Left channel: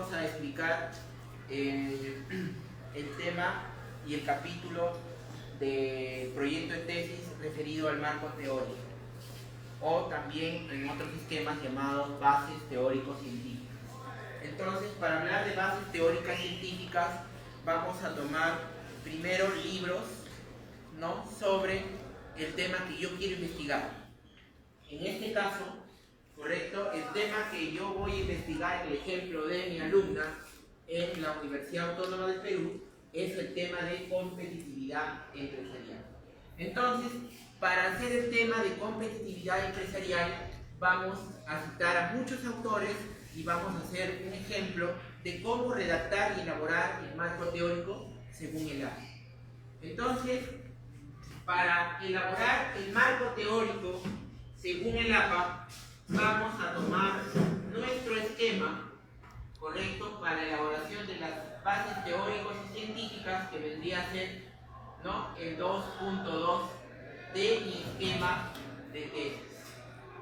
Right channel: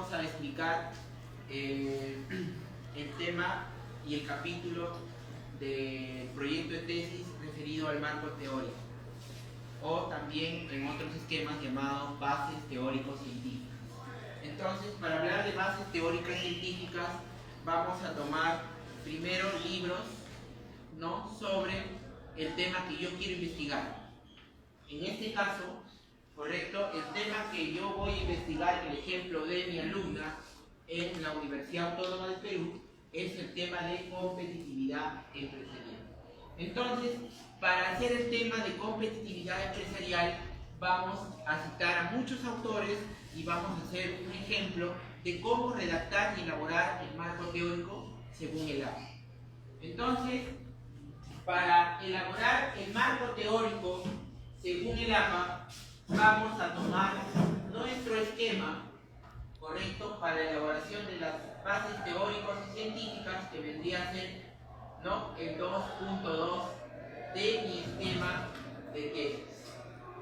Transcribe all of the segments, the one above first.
vamos a explicar el tema y el capítulo del proyecto de tesis referido al marco teórico, o también en otros esquemas llamados bases teórico-científicas. Entonces, para hablar de bases teóricas científicas, vamos a tomar primero libros, ¿no?, sobre el tema que yo quiero investigar. En este caso, correcto, el tema que yo voy a investigar, el ejemplo de mi alumna en la Universidad Autónoma del Perú, es el tema de competitividad empresarial. Entonces, para hacer el tema de competitividad empresarial, vamos a citar a muchos autores y vamos a hacer un ejemplo de cómo redactar y elaborar el marco teórico según el APA. Entonces, para elaborar el marco teórico según el APA, vamos a tomar nuestro esquema, correcto, para la elaboración de las bases teóricas y científicas, que vendría a ser, ¿no?, el 2.2 de mi esquema de tesis,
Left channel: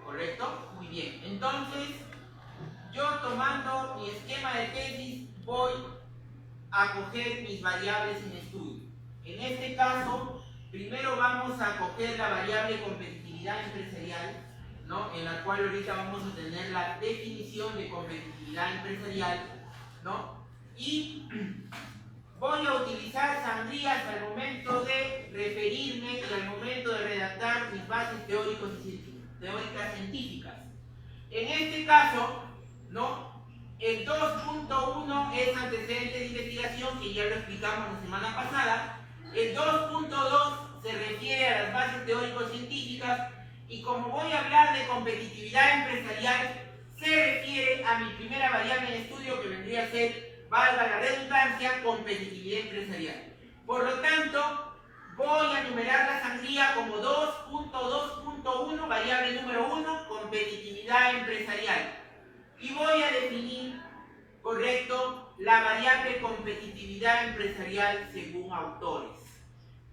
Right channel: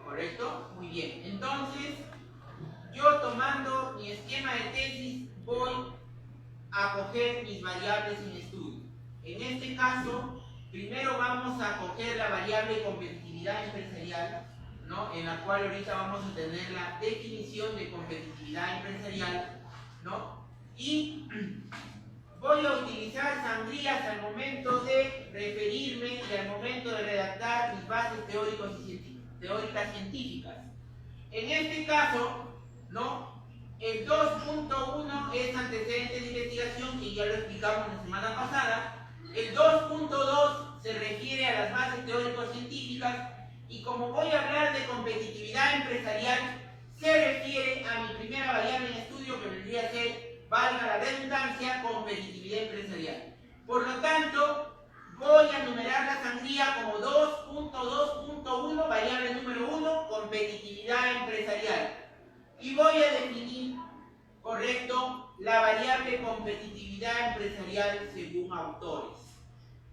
¿correcto? Muy bien, entonces yo, tomando mi esquema de tesis, voy a coger mis variables en estudio. En este caso, primero vamos a coger la variable competitividad empresarial, ¿no?, en la cual ahorita vamos a tener la definición de competitividad empresarial, ¿no? Y voy a utilizar sangrías al momento de referirme y al momento de redactar mis bases teóricas científicas. En este caso, ¿no?, el 2.1 es antecedentes de investigación, que ya lo explicamos la semana pasada. El 2.2 se refiere a las bases teórico-científicas, y como voy a hablar de competitividad empresarial, se refiere a mi primera variable en estudio, que vendría a ser, valga la redundancia, competitividad empresarial. Por lo tanto, voy a numerar la sangría como 2.2.1, variable número 1, competitividad empresarial. Y voy a definir, correcto, la variable competitividad empresarial según autores.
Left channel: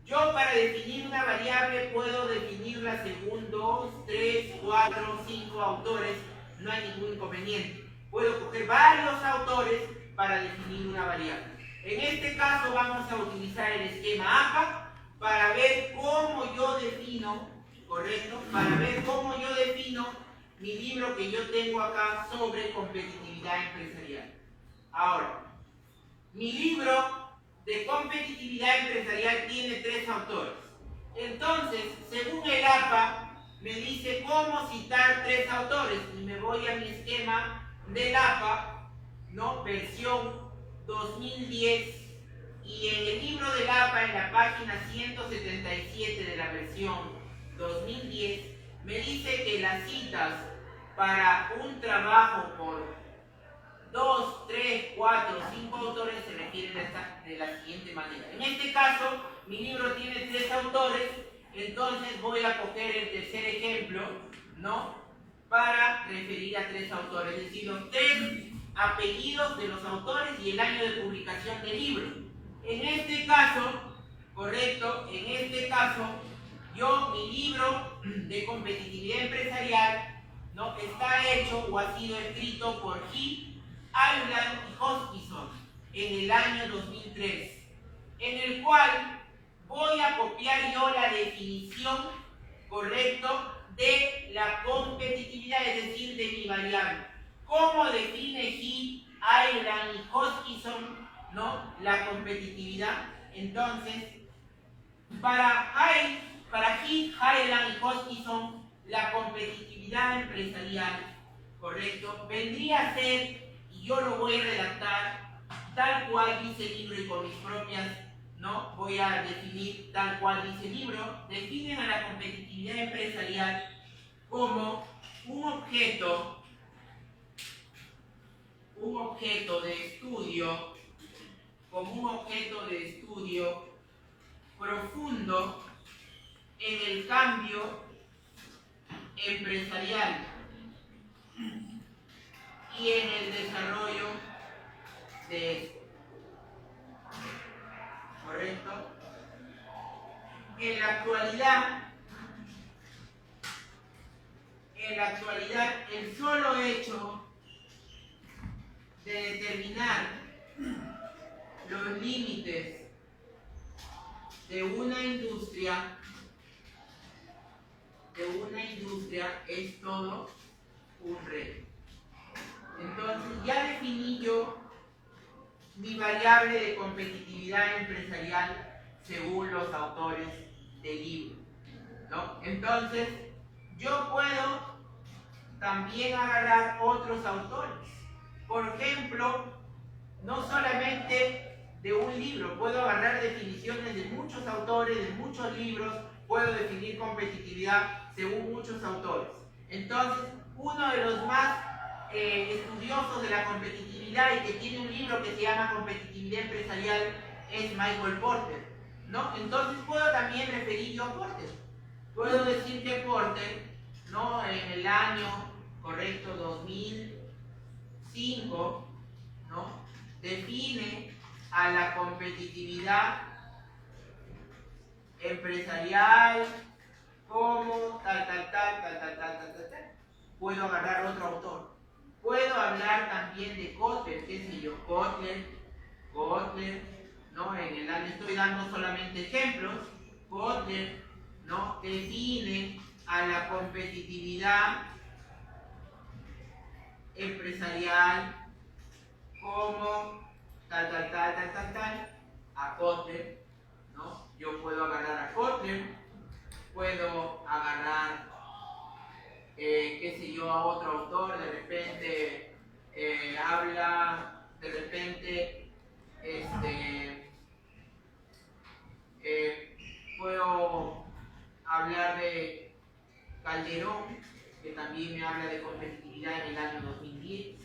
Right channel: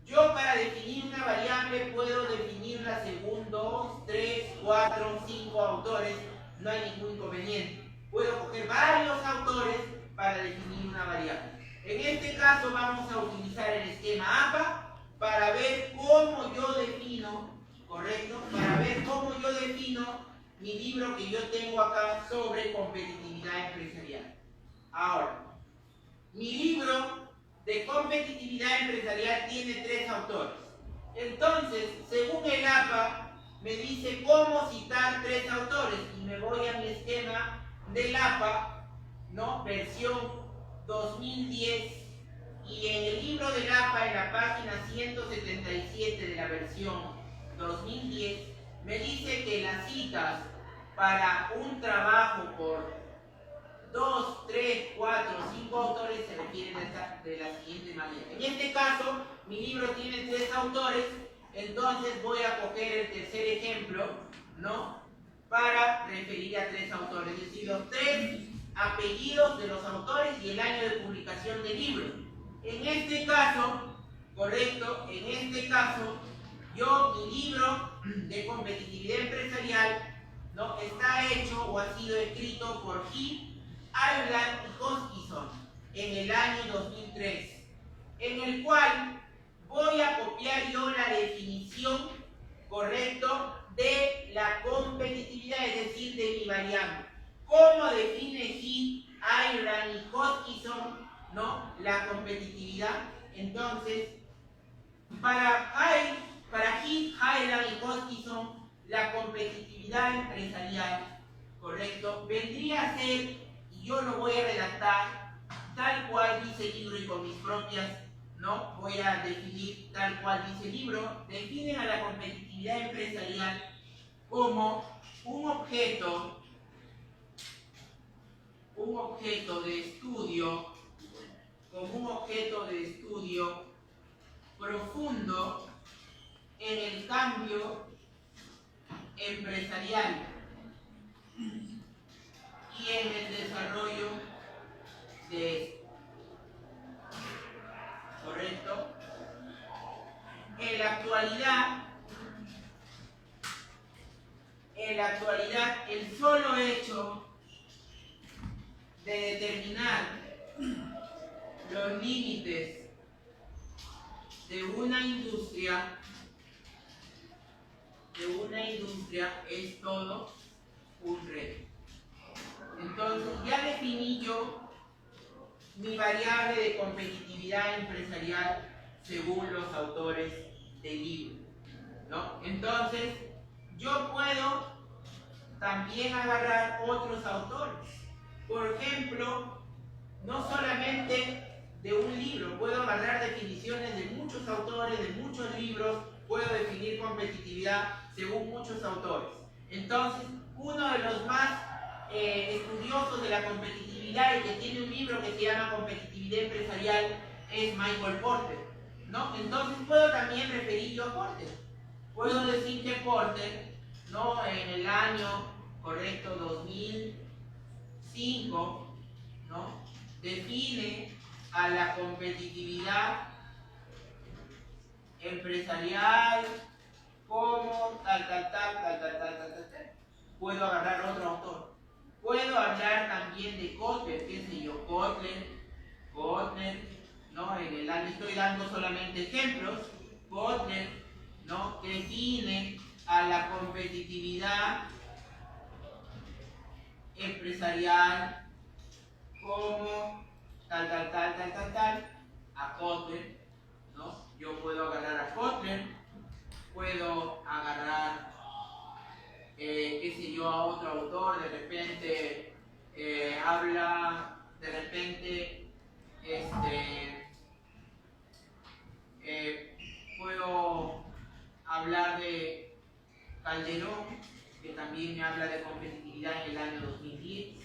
Yo, para definir una variable, puedo definirla según 2, 3, 4, 5 autores, no hay ningún inconveniente. Puedo coger varios autores para definir una variable. En este caso vamos a utilizar el esquema APA para ver cómo yo defino, correcto, para ver cómo yo defino mi libro que yo tengo acá sobre competitividad empresarial. Ahora, mi libro de competitividad empresarial tiene 3 autores. Entonces, según el APA, me dice cómo citar 3 autores, y me voy a mi esquema del APA, ¿no?, versión 2010, y en el libro del APA, en la página 177 de la versión 2010, me dice que las citas para un trabajo por 2, 3, 4, 5 autores se refieren de la siguiente manera. En este caso, mi libro tiene 3 autores, entonces voy a coger el tercer ejemplo, ¿no?, para referir a 3 autores, es decir, los 3 apellidos de los autores y el año de publicación del libro. En este caso, correcto, en este caso, mi libro de competitividad empresarial, ¿no?, está hecho o ha sido escrito por Heath, Ireland y Hoskinson en el año 2003, en el cual voy a copiar yo la definición, correcto, de la competitividad, es decir, de mi variable. ¿Cómo define Heath, Ireland y Hoskinson, ¿no?, la competitividad? Entonces, para Heath, Ireland y Hoskinson, la competitividad empresarial, correcto, vendría a ser, y yo lo voy a redactar tal cual dice el libro y con mis propias, ¿no?, voy a definir tal cual dice el libro. Definen a la competitividad empresarial como un objeto de estudio, profundo en el cambio empresarial y en el desarrollo de esto, ¿correcto? En la actualidad, el solo hecho de determinar los límites de una industria es todo un reto. Entonces ya definí yo mi variable de competitividad empresarial según los autores del libro, ¿no? Entonces yo puedo también agarrar otros autores. Por ejemplo, no solamente de un libro, puedo agarrar definiciones de muchos autores, de muchos libros, puedo definir competitividad según muchos autores. Entonces, uno de los más estudiosos de la competitividad y que tiene un libro que se llama Competitividad Empresarial es Michael Porter, ¿no? Entonces puedo también referir yo a Porter. Puedo decir que Porter, ¿no?, en el año correcto 2005, ¿no?, define a la competitividad empresarial como tal. Puedo agarrar otro autor. Puedo hablar también de Kotler, qué sé yo, Kotler, ¿no? En el año estoy dando solamente ejemplos. Kotler, ¿no?, define a la competitividad empresarial como tal, a Kotler, ¿no? Yo puedo agarrar a Kotler, puedo agarrar, qué sé yo, a otro autor, de repente habla, de repente, puedo hablar de Calderón, que también me habla de competitividad en el año 2010,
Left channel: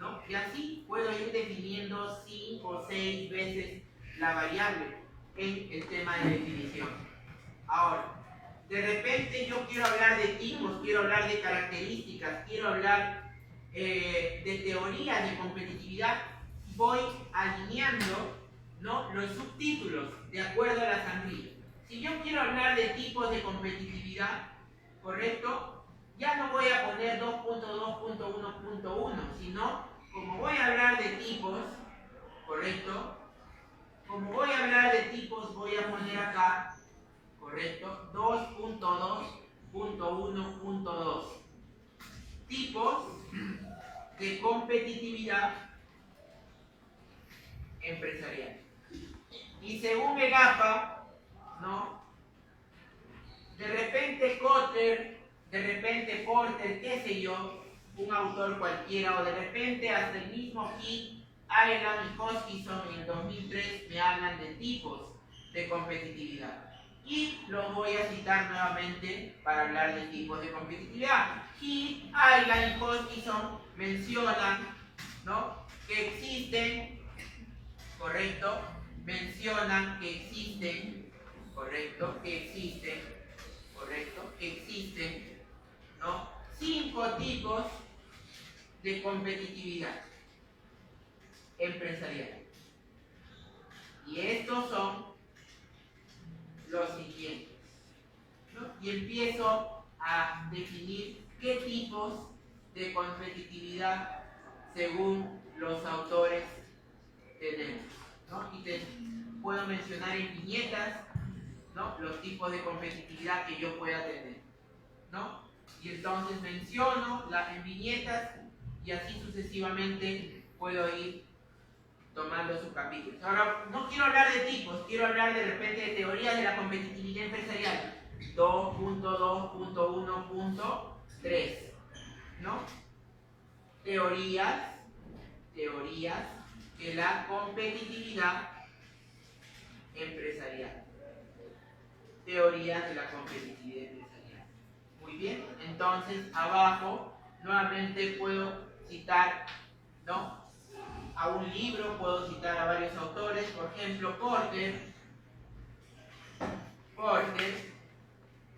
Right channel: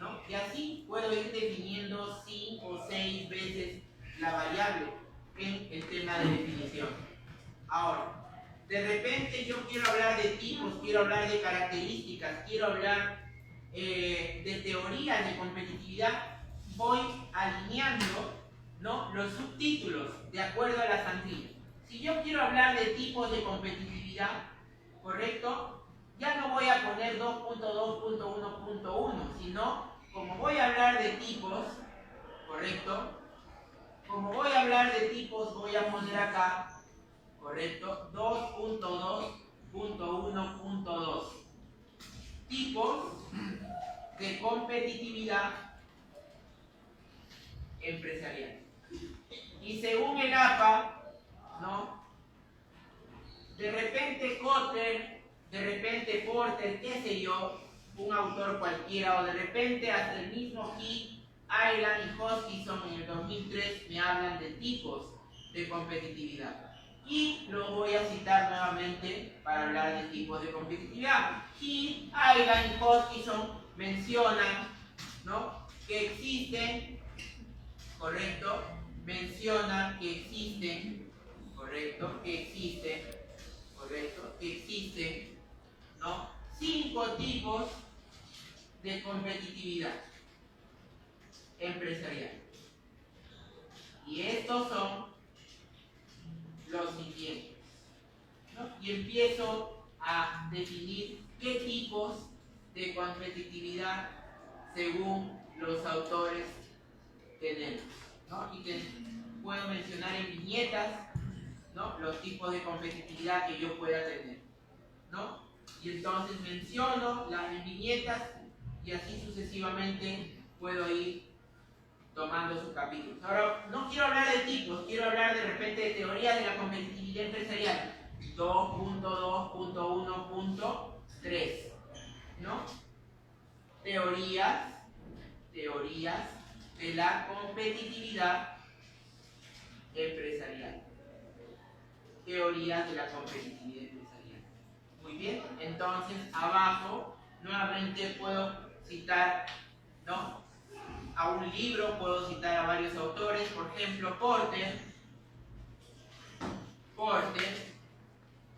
¿no? Y así puedo ir definiendo 5 o 6 veces la variable en el tema de definición. Ahora, de repente yo quiero hablar de tipos, quiero hablar de características, quiero hablar de teorías de competitividad, voy alineando, ¿no?, los subtítulos de acuerdo a las anguilas. Si yo quiero hablar de tipos de competitividad, ¿correcto?, ya no voy a poner 2.2.1.1, sino, como voy a hablar de tipos, ¿correcto?, como voy a hablar de tipos, voy a poner acá, ¿correcto?, 2.2.1.2. Tipos de competitividad empresarial. Y según el APA, ¿no?, de repente Kotler, de repente Porter, qué sé yo, un autor cualquiera, o de repente hasta el mismo Heath, Ireland y Hoskinson en el 2003 me hablan de tipos de competitividad. Y lo voy a citar nuevamente para hablar de tipos de competitividad. Heath, Ireland y Hoskinson mencionan, ¿no?, que existen, ¿correcto?, mencionan que existen, ¿correcto?, ¿no?, 5 tipos de competitividad empresarial. Y estos son los siguientes, ¿no? Y empiezo a definir qué tipos de competitividad según los autores tenemos, ¿no? Y puedo mencionar en viñetas, ¿no?, los tipos de competitividad que yo pueda tener, ¿no? Y entonces menciono en viñetas y así sucesivamente puedo ir tomando sus capítulos. Ahora, no quiero hablar de tipos, quiero hablar de repente de teorías de la competitividad empresarial. 2.2.1.3, ¿no? Teorías de la competitividad empresarial. Teorías de la competitividad empresarial. Muy bien, entonces abajo nuevamente puedo citar, ¿no?, a un libro, puedo citar a varios autores, por ejemplo, Porter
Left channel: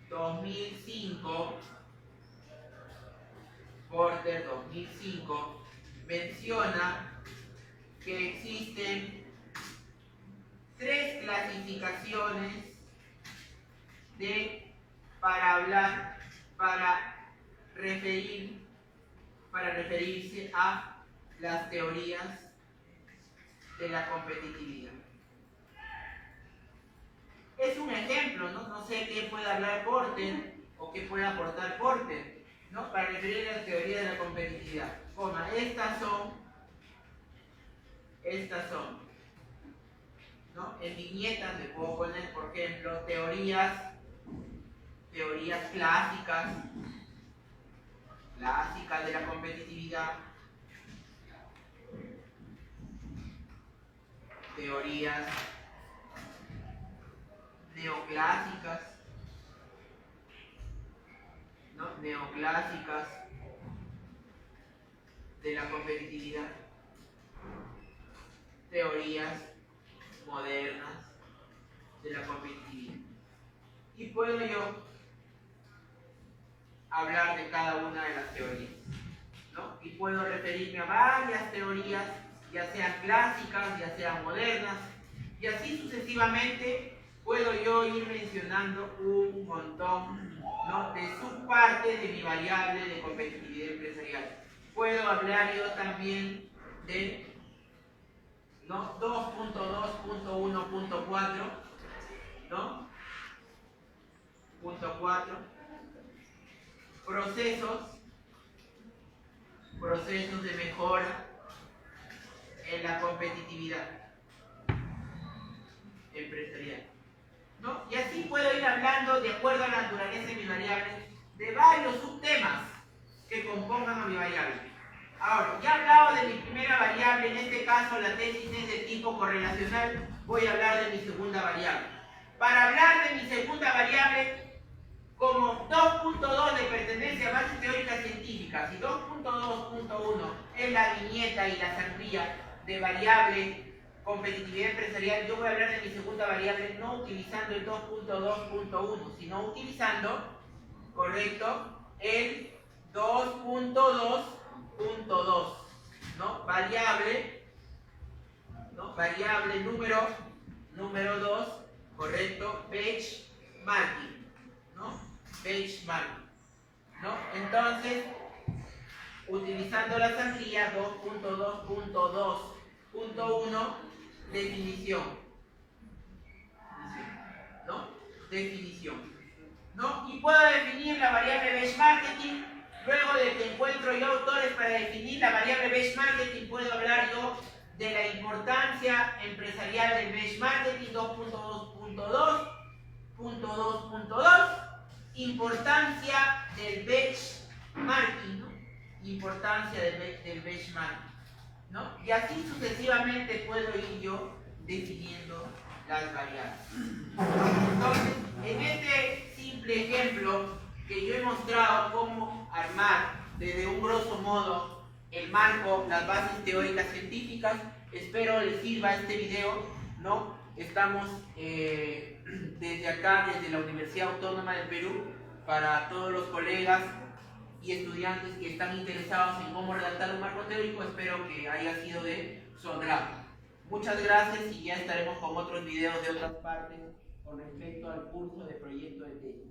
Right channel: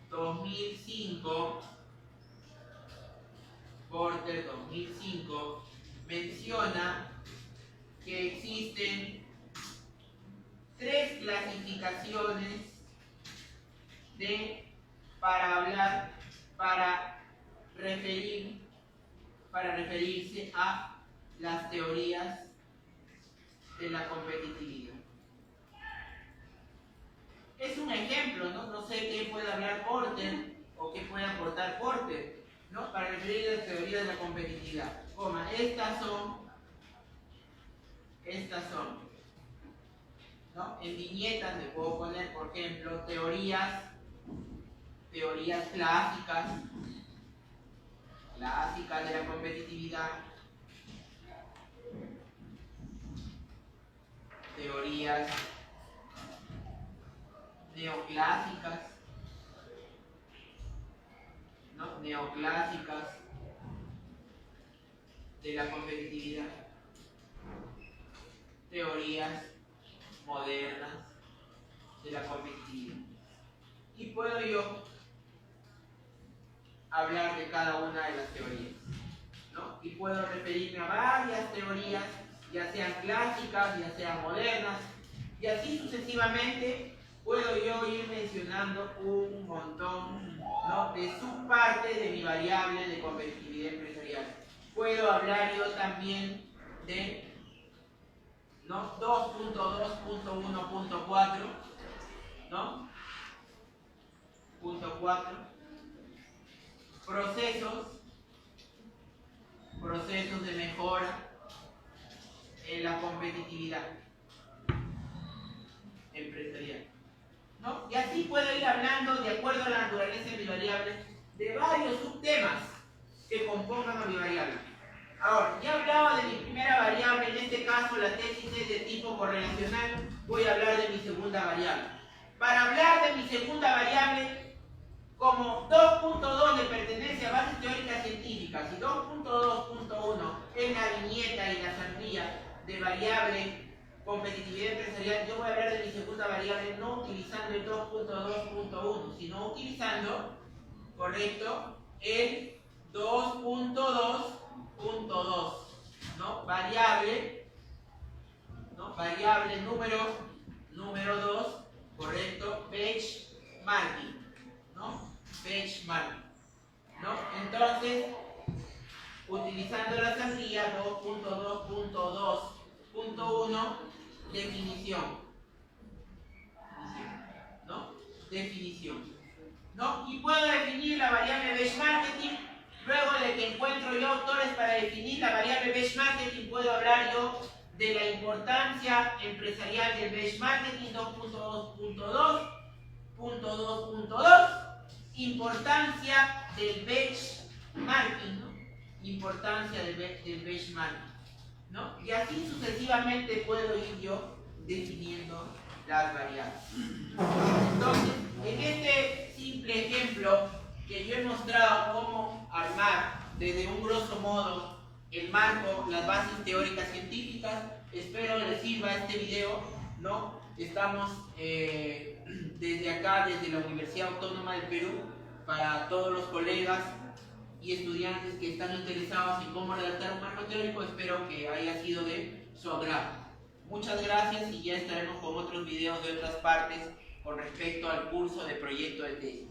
2005, menciona que existen 3 clasificaciones para referirse a las teorías de la competitividad. Es un ejemplo, ¿no? No sé qué puede hablar Porter o qué puede aportar Porter, ¿no? Para referir a las teorías de la competitividad. Coma, estas son, ¿no? En viñetas le puedo poner, por ejemplo, teorías clásicas de la competitividad, teorías neoclásicas, ¿no? Neoclásicas de la competitividad, teorías modernas de la competitividad. Y puedo yo hablar de cada una de las teorías, ¿no? Y puedo referirme a varias teorías, ya sean clásicas, ya sean modernas, y así sucesivamente puedo yo ir mencionando un montón, ¿no? de subpartes de mi variable de competitividad empresarial. Puedo hablar yo también de, ¿no? 2.2.1.4, ¿no? Punto 4, procesos de mejora en la competitividad empresarial, ¿no? Y así puedo ir hablando, de acuerdo a la naturaleza de mi variable, de varios subtemas que compongan a mi variable. Ahora, ya hablaba de mi primera variable, en este caso la tesis es de tipo correlacional, voy a hablar de mi segunda variable. Para hablar de mi segunda variable, como 2.2 le pertenece a bases teóricas científicas y 2.2.1 es la viñeta y la sandía de variable competitividad empresarial, yo voy a hablar de mi segunda variable no utilizando el 2.2.1, sino utilizando, correcto, el 2.2.2, ¿no? Variable número 2, correcto, benchmarking, ¿no? Benchmarking, ¿no? Entonces, utilizando la sangría 2.2.2.1, definición, ¿no? Definición, ¿no? Y puedo definir la variable benchmarking. Luego de que encuentro yo autores para definir la variable benchmarking, puedo hablar yo de la importancia empresarial del benchmarking 2.2.2.2, importancia del benchmarking, ¿no? Importancia del benchmarking, ¿no? Y así sucesivamente puedo ir yo definiendo las variables. Entonces, en este simple ejemplo que yo he mostrado cómo armar desde un grosso modo el marco, las bases teóricas científicas, espero les sirva este video, ¿no? Estamos desde acá, desde la Universidad Autónoma del Perú, para todos los colegas y estudiantes que están interesados en cómo redactar un marco teórico, espero que haya sido de su agrado. Muchas gracias y ya estaremos con otros videos de otras partes con respecto al curso de proyecto de tesis.